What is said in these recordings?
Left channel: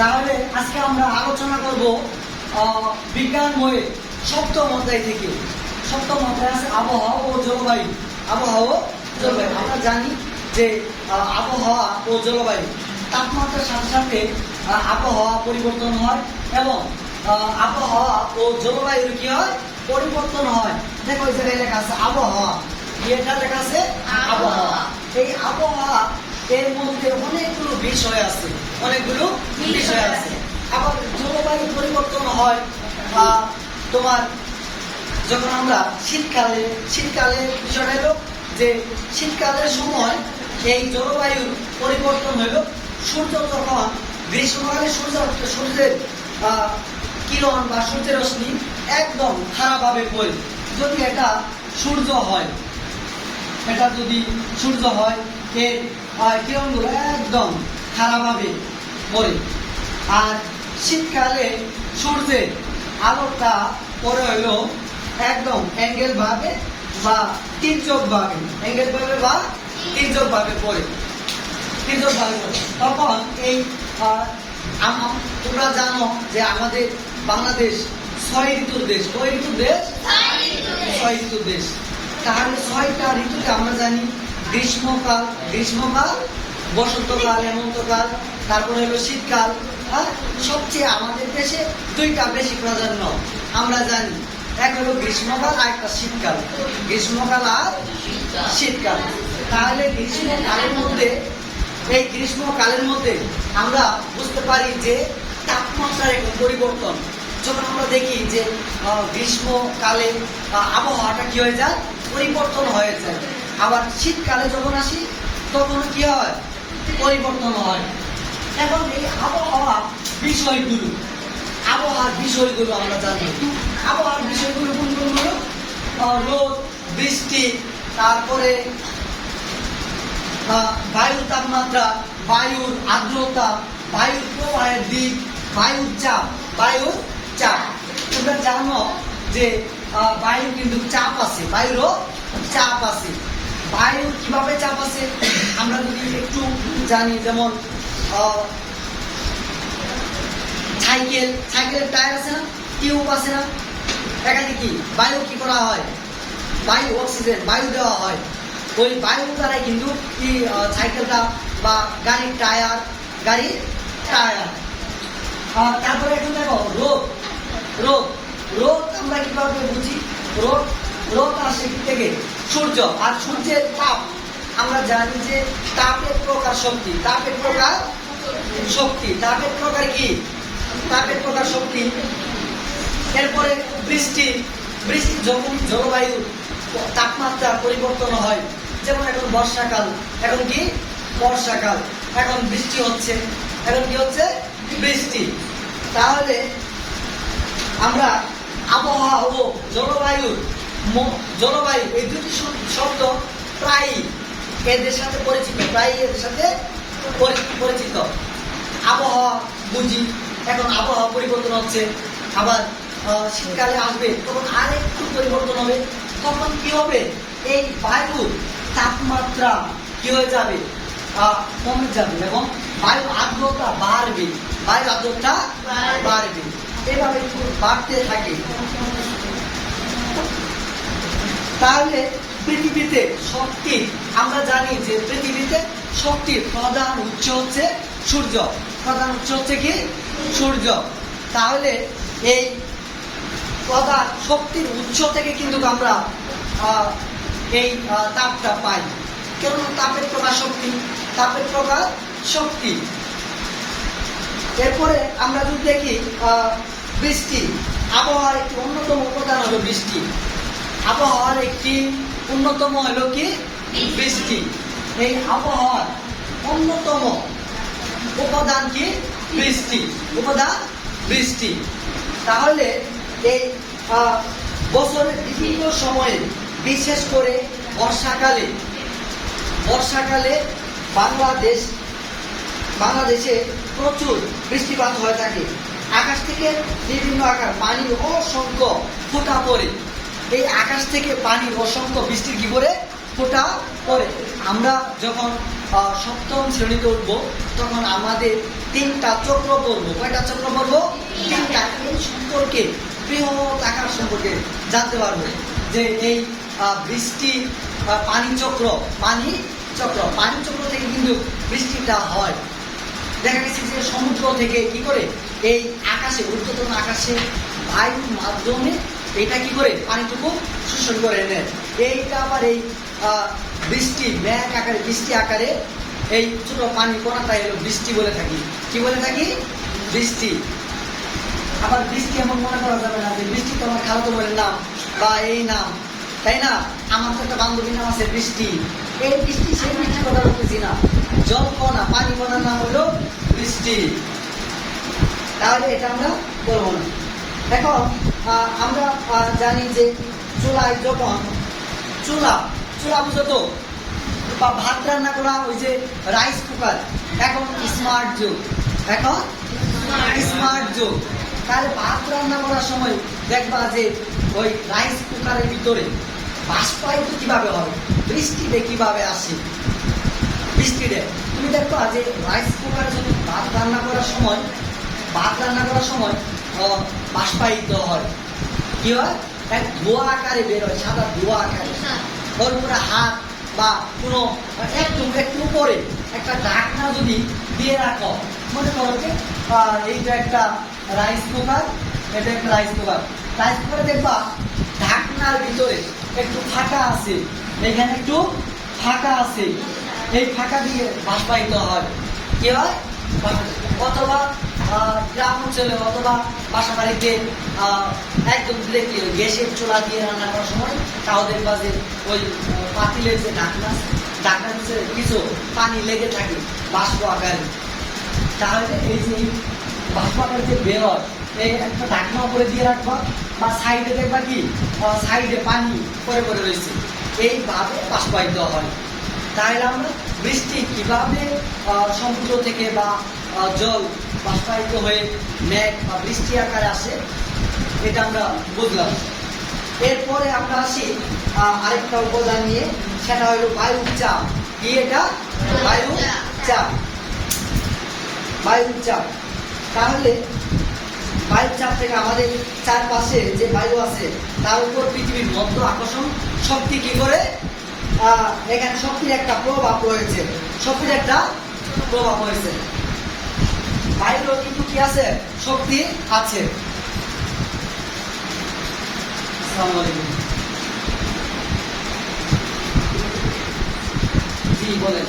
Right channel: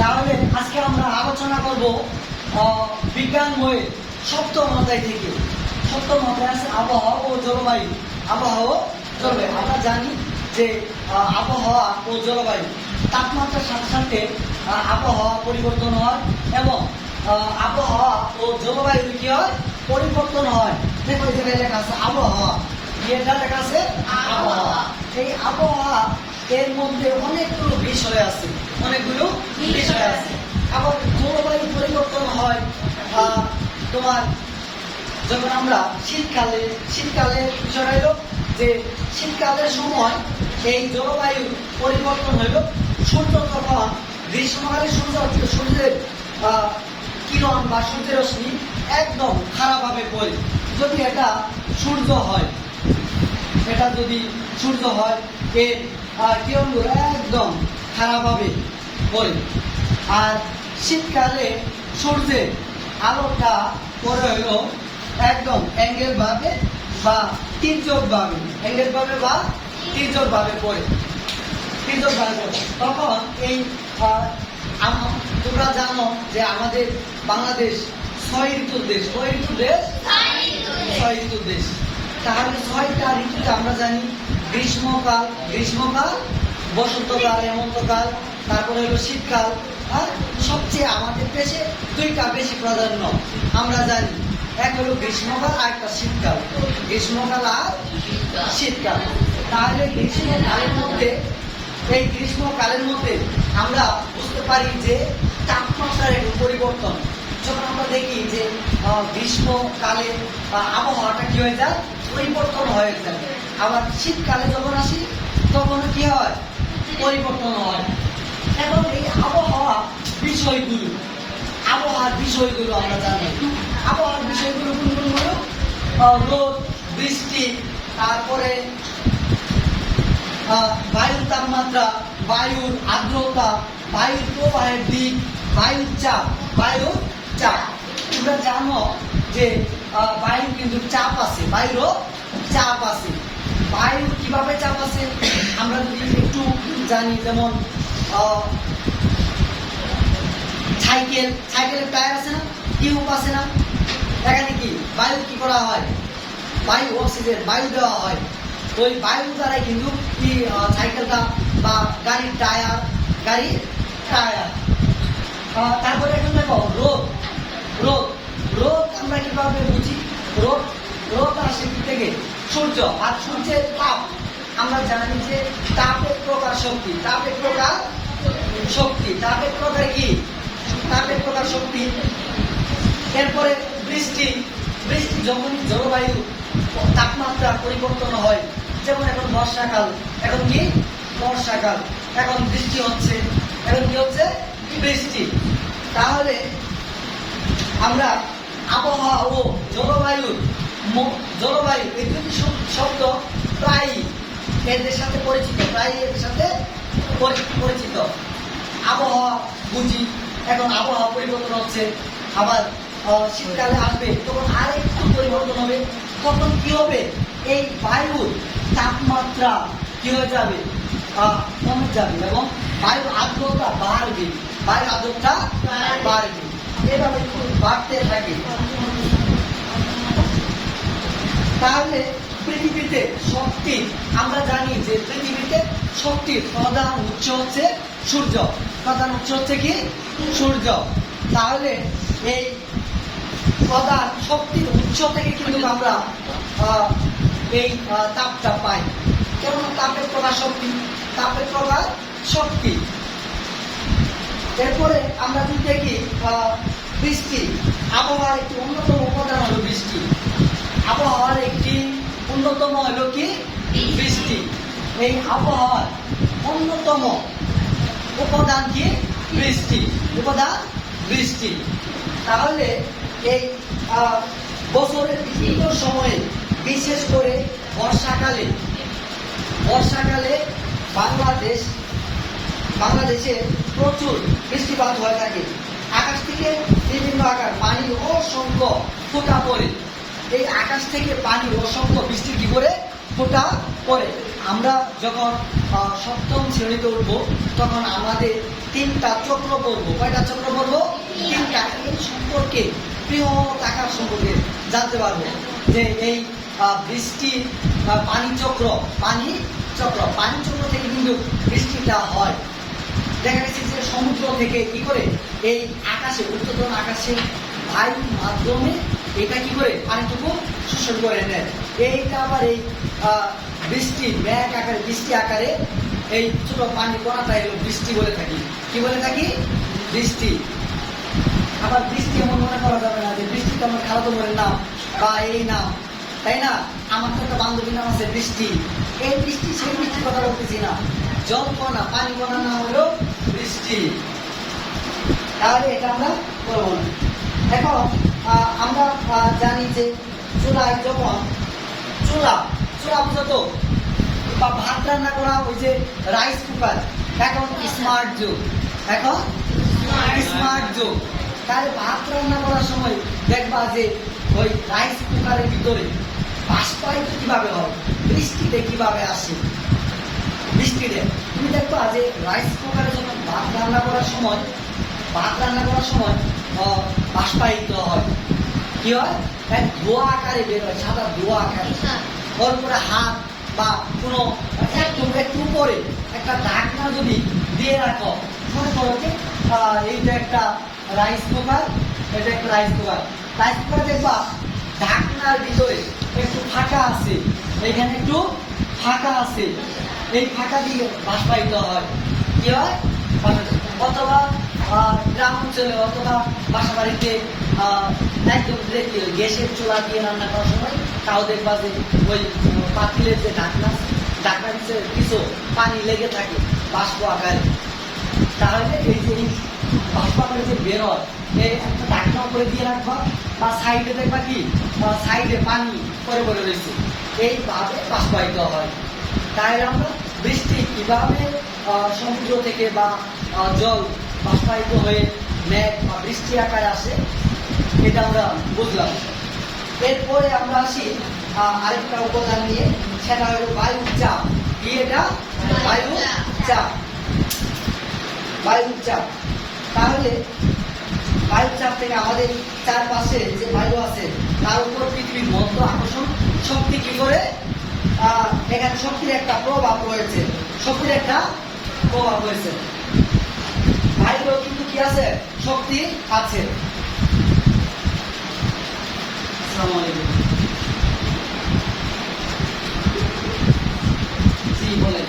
তাহলে আজকে আমরা আলোচনা করব বিজ্ঞান বইয়ে সপ্তম অধ্যায় থেকে। সপ্তম অধ্যায় আছে আবহাওয়া ও জলবায়ু। আবহাওয়া ও জলবায়ু আমরা জানি যে আবহাওয়া ও জলবায়ু তাপমাত্রার সাথে সাথে আবহাওয়া পরিবর্তন হয় এবং আবহাওয়া ও জলবায়ুর কি হয় পরিবর্তন হয়। দেখো এই জায়গায় লেখা আছে আবহাওয়া, এটা লেখা আছে আবহাওয়া। এই আবহাওয়া এর মধ্যে অনেকগুলো বিষয় আছে, অনেকগুলো বিষয় আছে। আবার জলবায়ু পরিবর্তন হয় তোমার যখন আমরা শীতকালের বিষয়টা হলো যে শীতকালের সময় এই জলবায়ুর পরিবর্তন হইল সূর্য তখন গ্রীষ্মকালে সূর্যের কিরণ বা সূর্যের রশ্মি একদম খারাপভাবে পড়ে। যদি এটা সূর্য হয়, এটা যদি সূর্য হয় এর কিরণগুলো একদম খারাপভাবে পড়ে। আর শীতকালে সূর্যের আলোটা পরে হলো একদম অ্যাঙ্গেল ভাবে বা তির্যক ভাবে, অ্যাঙ্গেল ভাবে বা তির্যক ভাবে পড়ে, তির্যক ভাবে পড়ে। তখন এই তোমরা জানো যে আমাদের বাংলাদেশ 6 ঋতুর দেশ। কয় ঋতুর দেশ? 6 ঋতুর দেশ। তাহলে 6টা ঋতুতে আমরা জানি গ্রীষ্মকাল, বসন্তকাল, হেমন্তকাল, তারপরে হলো শীতকাল। আর সবচেয়ে আমাদের দেশে 2টা বেশি প্রাধান্য আমরা জানি, এক হলো গ্রীষ্মকাল আর একটা শীতকাল। গ্রীষ্মকাল আর শীতকাল। তাহলে এই গ্রীষ্মকালের মধ্যে আমরা বুঝতে পারি যে তাপমাত্রার একটু পরিবর্তন। যখন আমরা দেখি যে গ্রীষ্মকালে আবহাওয়াটা কি হয়ে যায়, পরিবর্তন হয়ে যায়। আবার শীতকালে যখন আসি তখন কি হয়, পরিবর্তন হয়। এখন এই আবহাওয়ার বিষয়গুলো আমরা জানি। আবহাওয়ার বিষয়গুলো কোনগুলো হলো রোদ, বৃষ্টি, তারপরে বায়ুর তাপমাত্রা, বায়ুর আর্দ্রতা, বায়ুর প্রবাহের দিক, বায়ুর চাপ। তোমরা জানো যে বায়ুর কিন্তু চাপ আছে, বায়ুরও চাপ আছে। বায়ুর কিভাবে চাপ আছে আমরা যদি একটু জানি, যেমন সাইকেলের টায়ার আছে না, টিউব আছে না, এখানে কি বায়ু কি করা হয়, বায়ু অক্সিজেন বায়ু দেওয়া হয়। ওই বায়ু দ্বারাই কিন্তু সাইকেলটা বা গাড়ির টায়ার। তারপরে এখন দেখো রোদ আমরা কিভাবে বুঝি? রোদ আসে থেকে সূর্য, আর সূর্যের তাপ আমরা জানি যে তাপের প্রকার শক্তি, তাপের প্রকার কি, তাপের প্রকার শক্তি। এরপরে বৃষ্টি যখন জলবায়ু তাপমাত্রা পরিবর্তন হয়, যেমন এখন বর্ষাকাল, এখন বৃষ্টি হচ্ছে, এখন কি হচ্ছে, বৃষ্টি। তাহলে আমরা আবহাওয়া ও জলবায়ু এই দুটি শব্দ প্রায় এদের সাথে পরিচিত। আবহাওয়া বুঝি, এখন আবহাওয়া পরিবর্তন হচ্ছে, আবার শীতকালে আসবে তখন আরেকটু পরিবর্তন হবে। তখন কি হবে, এই বায়ুর তাপমাত্রা কি হয়ে যাবে, কমে যাবে এবং বায়ুর আর্দ্রতা বাড়বে, এভাবে বাড়তে থাকে। তাহলে পৃথিবীতে শক্তির, আমরা জানি যে পৃথিবীতে শক্তির প্রধান উৎস হচ্ছে সূর্য। তাহলে এই প্রধান শক্তির উৎস থেকে কিন্তু আমরা এই তাপটা পাই। কেননা তাপের প্রকার শক্তি। এরপরে আমরা যদি দেখি বৃষ্টি, আবহাওয়ার একটি অন্যতম উপাদান হলো বৃষ্টি। আবহাওয়ার একটি অন্যতম হলো কি, বৃষ্টি। এই আবহাওয়ার অন্যতম উপাদান কি, বৃষ্টি। তাহলে এই বছরের বিভিন্ন সময়ে, বিশেষ করে বর্ষাকালে বাংলাদেশে প্রচুর বৃষ্টিপাত হয়ে থাকে। আকাশ থেকে বিভিন্ন আকার পানির অসংখ্য ফোঁটা পড়ে। এই আকাশ থেকে পানির অসংখ্য বৃষ্টির কি করে ফোঁটা পড়ে। আমরা যখন সপ্তম শ্রেণীতে উঠবো তখন আমাদের 3টা চক্র পড়বো। কয়টা চক্র পড়বো? 3টা। এই সম্পর্কে বৃহৎ আকার সম্পর্কে জানতে পারবো যে এই বৃষ্টি পানি চক্র থেকে কিন্তু বৃষ্টিটা হয়। দেখা গেছে যে সমুদ্র থেকে কি করে এই আকাশে, ঊর্ধ্বতন আকাশে বায়ুর মাধ্যমে এটা কি করে পানিটুকু শোষণ করে নেয়। এইটা আবার এই বৃষ্টি মেঘ আকারে, বৃষ্টি আকারে এই ছোট পানি কণাটাই হলো বৃষ্টি বলে থাকি। কি বলে থাকি? বৃষ্টি। আবার বৃষ্টি এমন মনে করা যাবে না যে বৃষ্টি তো আমার খালাতো বোনের নাম বা এই নাম, তাই না? আমার তো একটা বান্ধবীর নাম আছে বৃষ্টি। এই বৃষ্টি সেই বৃষ্টির কথা বলতেছি না, জল কণা, পানি কণা নাম হলো বৃষ্টি। তাহলে এটা আমরা করবো না। এখন আমরা জানি যে চুলায় যখন চুলা বুঝো তো, বা ভাত রান্না করা ওই যে রাইস কুকার, এখন স্মার্ট যুগ, তাহলে ভাত রান্না করার সময় দেখবা যে ওই রাইস কুকারের ভিতরে বাষ্পায়িত কিভাবে হয়, বৃষ্টিতে কিভাবে আসে। বৃষ্টিতে তুমি দেখবা যে রাইস কুকারে যখন ভাত রান্না করার সময় বাষ্পায়িত হয়। কি হয়? এক ধোয়া আকারে বের হয়, সাদা ধোয়া আকারে। ওর উপরে হাত বা কোনো একটু উপরে একটা ঢাকনা যদি দিয়ে রাখো, মনে করো যে এইটা একটা রাইস কুকার, দেখবা ঢাকনার ভিতরে একটু ফাঁকা আছে, এখানে একটু ফাঁকা আছে, এই ফাঁকা দিয়ে বাষ্পায়িত হয়। কি হয়? অথবা গ্রাম অঞ্চলে অথবা বাসা বাড়িতে একদম দেখলে গ্যাসের চুলা দিয়ে রান্না করার সময় তাও দেখবা যে ওই পাতিলের যে ঢাকনা কিছু পানি লেগে থাকে বাষ্প আকারে। তাহলে এই যে বাষ্প আকারে যে বের হয়, এই একটা ঢাকনা উপরে দিয়ে রাখবা বা সাইডে দেখবা কি সাইডে পানি পরে রয়েছে, এইভাবে বাষ্পায়িত হয়। তাহলে আমরা বৃষ্টি কিভাবে সমুদ্র থেকে বা জল বাষ্পায়িত হয়ে মেঘ বা বৃষ্টি আকারে আসে, এটা আমরা বুঝলাম। এরপরে আমরা আসি আরেকটা উপাদান নিয়ে, সেটা হলো বায়ুর চাপ। কি এটা? বায়ুর চাপ। তাহলে বায়ুর চাপ থেকে আমাদের চারপাশে যে বায়ু আছে তার উপর পৃথিবীর মধ্য আকর্ষণ শক্তি কি করে, এখানে শক্তির একটা প্রভাব রয়েছে, বায়ুর কিন্তু কি আছে? শক্তি আছে। জি বলেন।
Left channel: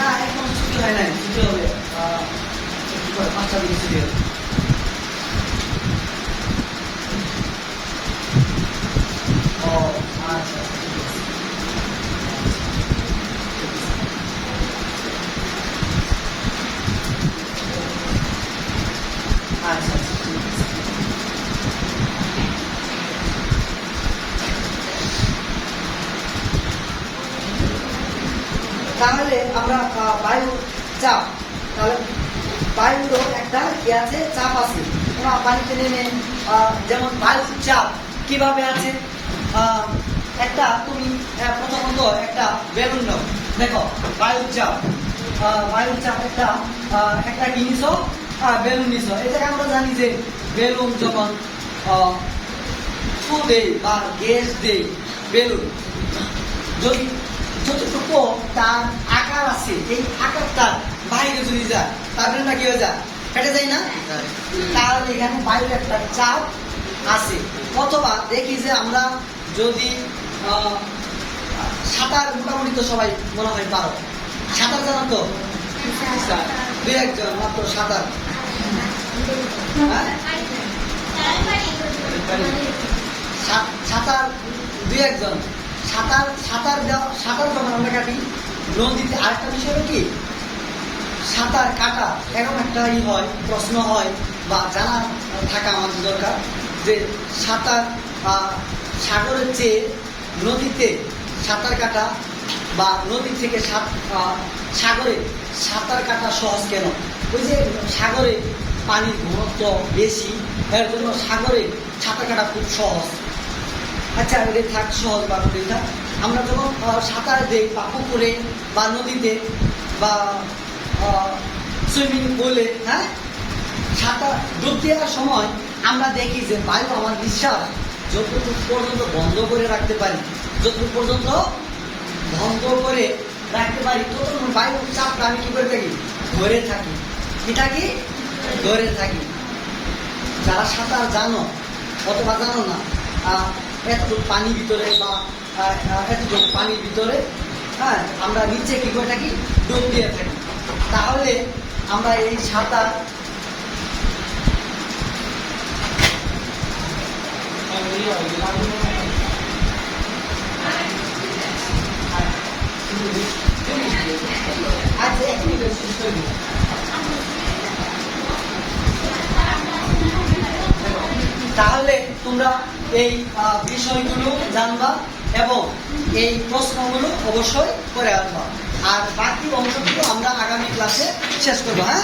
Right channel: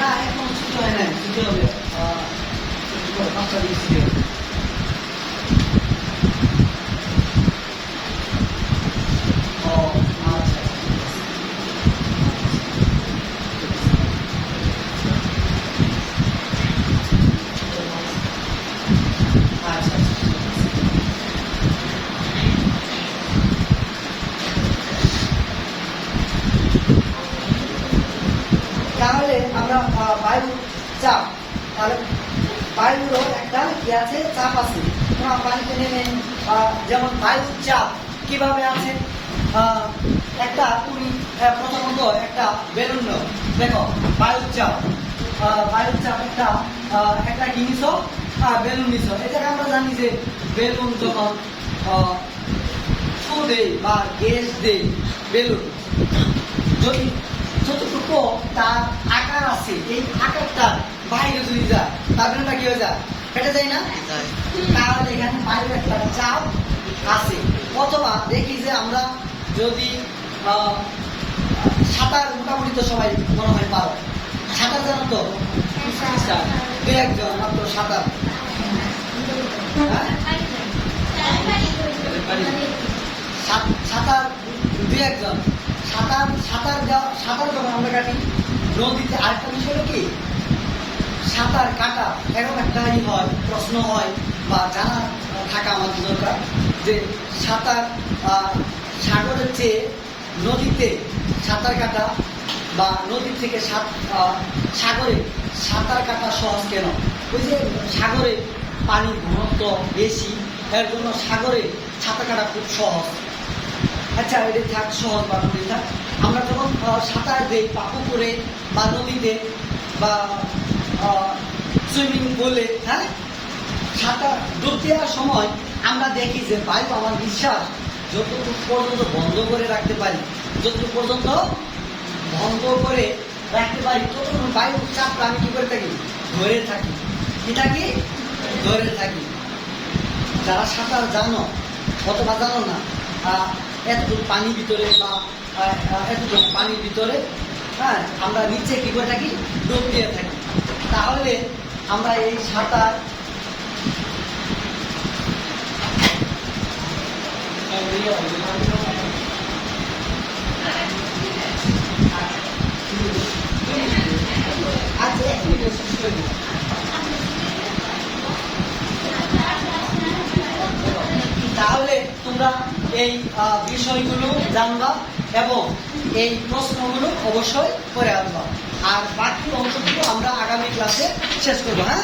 না এখন ছুটি হয় নাই, ছুটি হবে 5টা দিকে ছুটি হবে। ও আচ্ছা, তাহলে আমরা বায়ু চাপ, তাহলে বায়ুরও একটা কি আছে? চাপ আছে। পানিতে নেমে যেমন বায়ুর চাপ কিভাবে আছে, একটা তুমি প্রথমত একটা বেলুন নাও, দেখো বায়ুর চাপ একটা জিনিস বেলুন নিছ। এটাকে আমরা জানি যে বেলুন যখন ফু দেয় বা গ্যাস দেয়, বেলুন যদি যতটুকু তার আকার আছে, এই আকারটার বাইরে যদি যায় তার বেলুনটা কি হয়ে যায়? ফেটে যায় না? তাহলে এখানে বাইরে একটা চাপ আছে। অথবা দেখি যে আমরা যদি সাঁতার, মোটামুটি তো সবাই মনে হয় পারো, সাঁতার জানো তো? 2-1 জন মাত্র সাঁতার, সাঁতার 2-1 জন সাঁতার যখন আমরা কাটি নদীতে। আরেকটা বিষয় হলো কি, সাঁতার কাটা এরকম একটা প্রশ্ন হয় বা জানা থাকা আমাদের দরকার যে সাঁতার সাগরের চেয়ে নদীতে সাঁতার কাটা বা নদীর থেকে সাগরে সাঁতার কাটা সহজ কেন? ওই যে সাগরে পানির ঘনত্ব বেশি, এর জন্য সাগরে সাঁতার কাটা খুব সহজ। আচ্ছা ওটা থাক, সহজ বা ওটা থাক। আমরা যখন সাঁতার দেই বা পুকুরে বা নদীতে বা সুইমিং পুলে, হ্যাঁ, সাঁতার ডুব দেওয়ার সময় আমরা দেখি যে বায়ু, আমার নিঃশ্বাস যতটুকু পর্যন্ত বন্ধ করে রাখতে পারি, যতটুকু পর্যন্ত বন্ধ করে রাখতে পারি, ততক্ষণ বায়ুর চাপটা আমি কি করে থাকি, ধরে থাকি। কি থাকি? ধরে থাকি। যারা সাঁতার জানো অথবা জানো না, এতটুকু পানির ভিতরে বা এতটুকু পানির ভিতরে, হ্যাঁ, আমরা নিচে কি করে থাকি, ডুব দিয়ে থাকি। তাহলে আমরা এই সাঁতার তাহলে তোমরা এই বিষয়গুলো জানবা এবং এই প্রশ্নগুলো অবশ্যই করে আসবা। আর বাকি অংশগুলো আমরা আগামী ক্লাসে শেষ করবো। হ্যাঁ।